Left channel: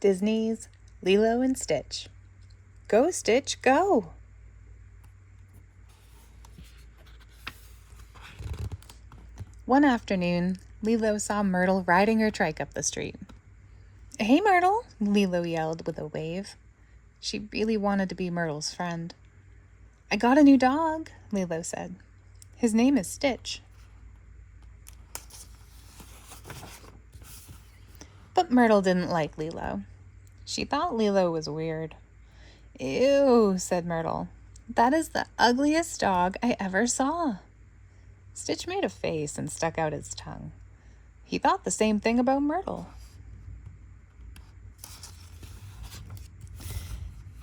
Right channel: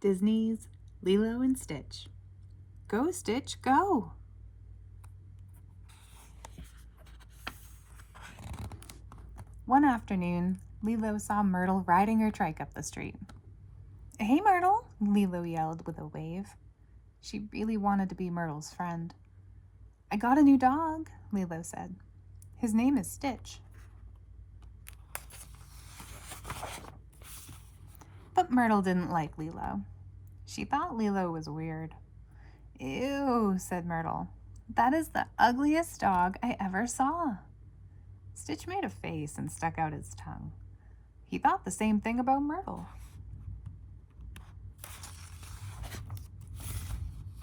Disney's Lilo and Stitch. Go, Stitch, go! One afternoon, Lilo saw Myrtle riding her trike up the street. "Hey, Myrtle!" Lilo yelled with a wave. She really wanted to be Myrtle's friend. "I got a new dog," Lilo said. "His name is Stitch." But Myrtle didn't like Lilo. She thought Lilo was weird. "Ew," said Myrtle. "That is the ugliest dog I ever saw." Stitch made a face and stuck out his tongue. He thought the same thing about Myrtle.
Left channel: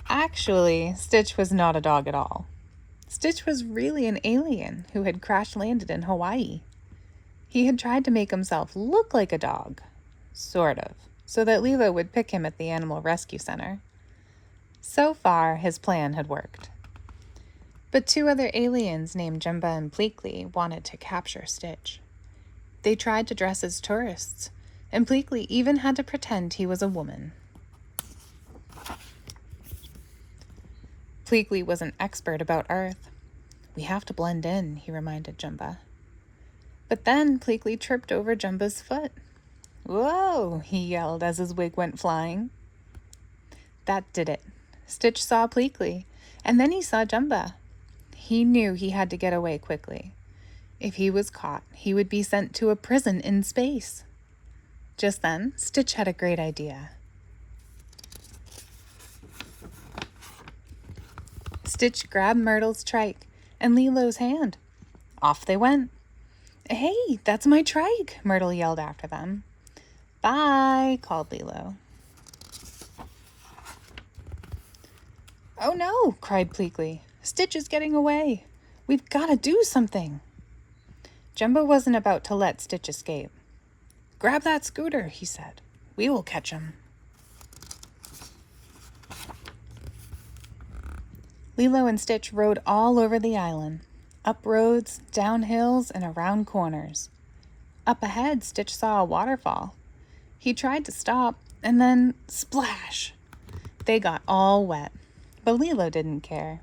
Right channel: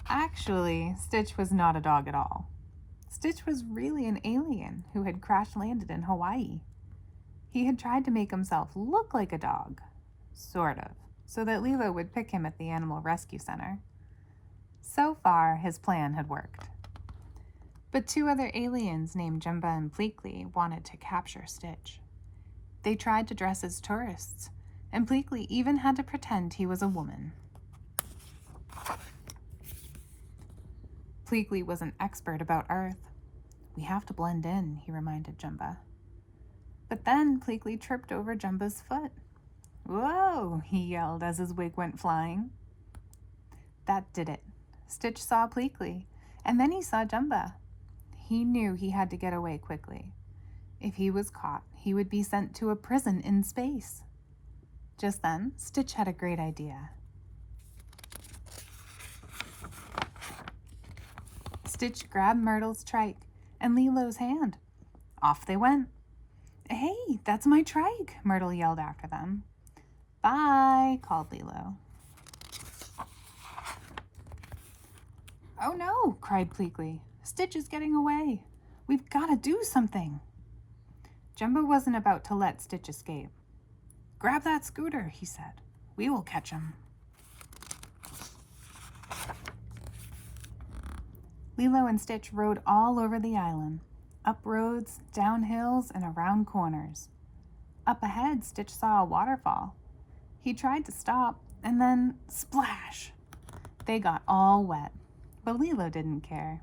Actually, Stitch was not a dog at all. Stitch was really an alien who had crash-landed in Hawaii. He had tried to make himself look like a dog, sort of, so that Lilo would pick him at the animal rescue center. So far, his plan had worked. But two other aliens named Jumba and Pleakley wanted to capture Stitch. They tried to dress as tourists, and Pleakley even had to pretend he was a woman. Pleakley was an expert about Earth. "We have to blend in," he reminded Jumba. But then Pleakley tripped over Jumba's foot. "Whoa!" he yelled as his wig went flying. That did it. Stitch saw Pleakley, and then he saw Jumba. He knew he had to get away quickly. If he was caught, he would be sent to a prison in space. Just then, Stitch had a great idea. Stitch grabbed Myrtle's trike and Lilo's hand. Off they went. "Hey, that's my trike," Myrtle yelled after them. "Bye," called Lilo. "Oh no," cried Pleakley. "Stitch is getting away. We've got to do something." Jumbo wasn't about to let Stitch escape. "Grab that scooter," he said. "We will catch him." Lilo and Stitch rode all over the island, up roads, down hills, and around corners. Up ahead, Stitch saw a waterfall. He tried to stop, and then splash! They got all wet, but Lilo didn't care.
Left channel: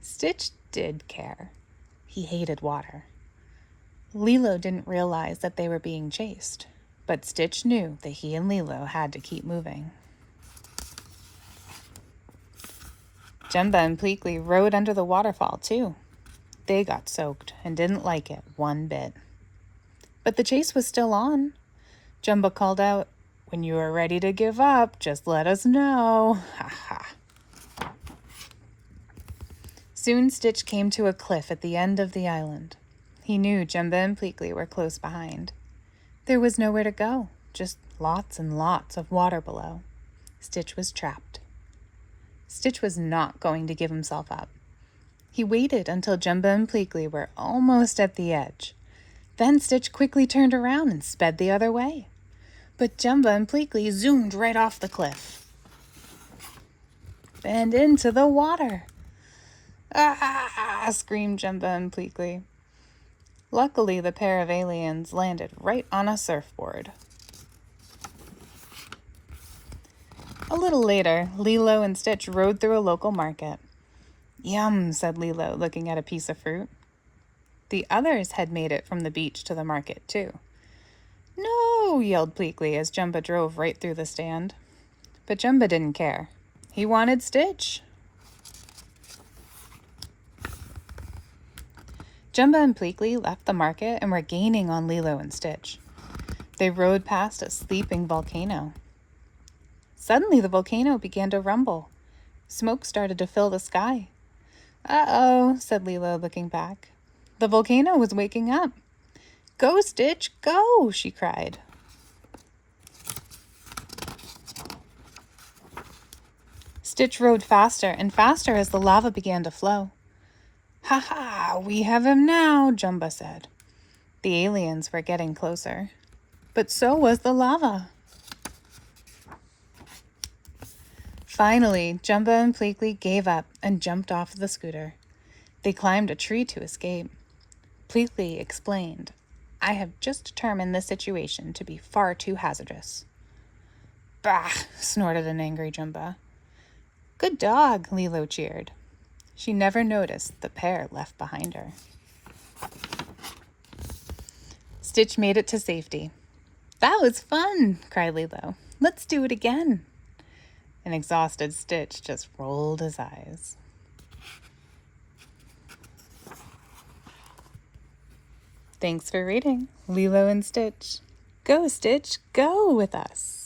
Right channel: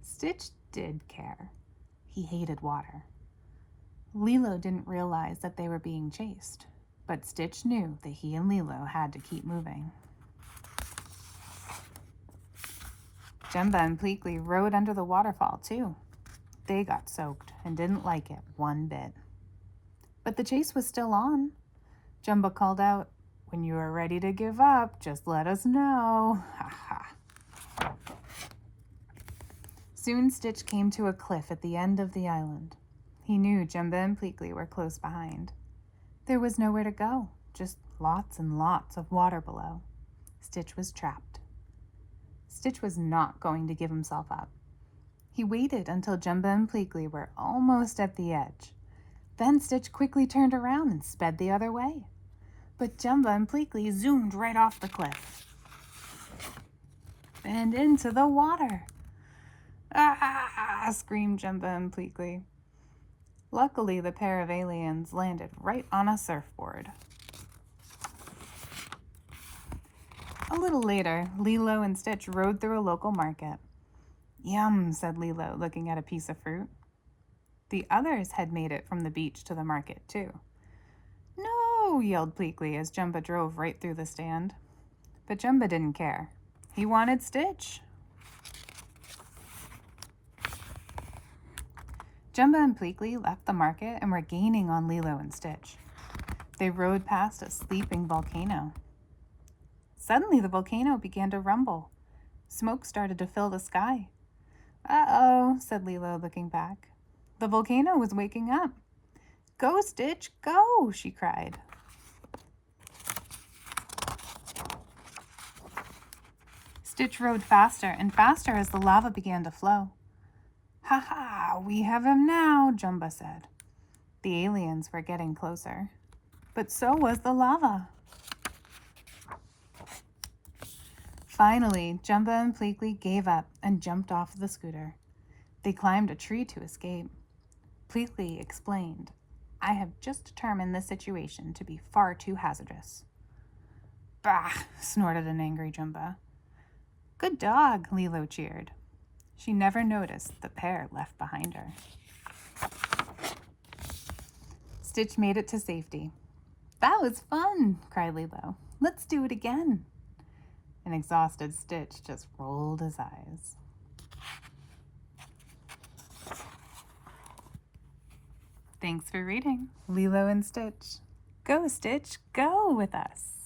Stitch did care. He hated water. Lilo didn't realize that they were being chased, but Stitch knew that he and Lilo had to keep moving. Jumba and Pleakley rode under the waterfall, too. They got soaked and didn't like it one bit. But the chase was still on. Jumba called out, "When you are ready to give up, just let us know." Ha ha. Soon Stitch came to a cliff at the end of the island. He knew Jumba and Pleakley were close behind. There was nowhere to go, just lots and lots of water below. Stitch was trapped. Stitch was not going to give himself up. He waited until Jumba and Pleakley were almost at the edge. Then Stitch quickly turned around and sped the other way. But Jumba and Pleakley zoomed right off the cliff and into the water. "Ah!" screamed Jumba and Pleakley. Luckily, the pair of aliens landed right on a surfboard. A little later, Lilo and Stitch rode through a local market. "Yum," said Lilo, looking at a piece of fruit. The others had made it from the beach to the market, too. "No!" yelled Pleakley as Jumba drove right through the stand. But Jumba didn't care. He wanted Stitch. Jumba and Pleakley left the market and were gaining on Lilo and Stitch. They rode past a sleeping volcano. Suddenly, the volcano began to rumble. Smoke started to fill the sky. "Uh-oh," said Lilo, looking back. The volcano was waking up. "Go, Stitch, go!" she cried. Stitch rode faster and faster as the lava began to flow. "Ha ha, we have him now," Jumba said. The aliens were getting closer, but so was the lava. Finally, Jumba and Pleakley gave up and jumped off the scooter. They climbed a tree to escape. Pleakley explained, "I have just determined this situation to be far too hazardous." Bah! Snorted an angry Jumba. Good dog, Lilo cheered. She never noticed the pair left behind her. Stitch made it to safety. That was fun, cried Lilo. Let's do it again. An exhausted Stitch just rolled his eyes. Thanks for reading Lilo and Stitch. Go, Stitch, go with us.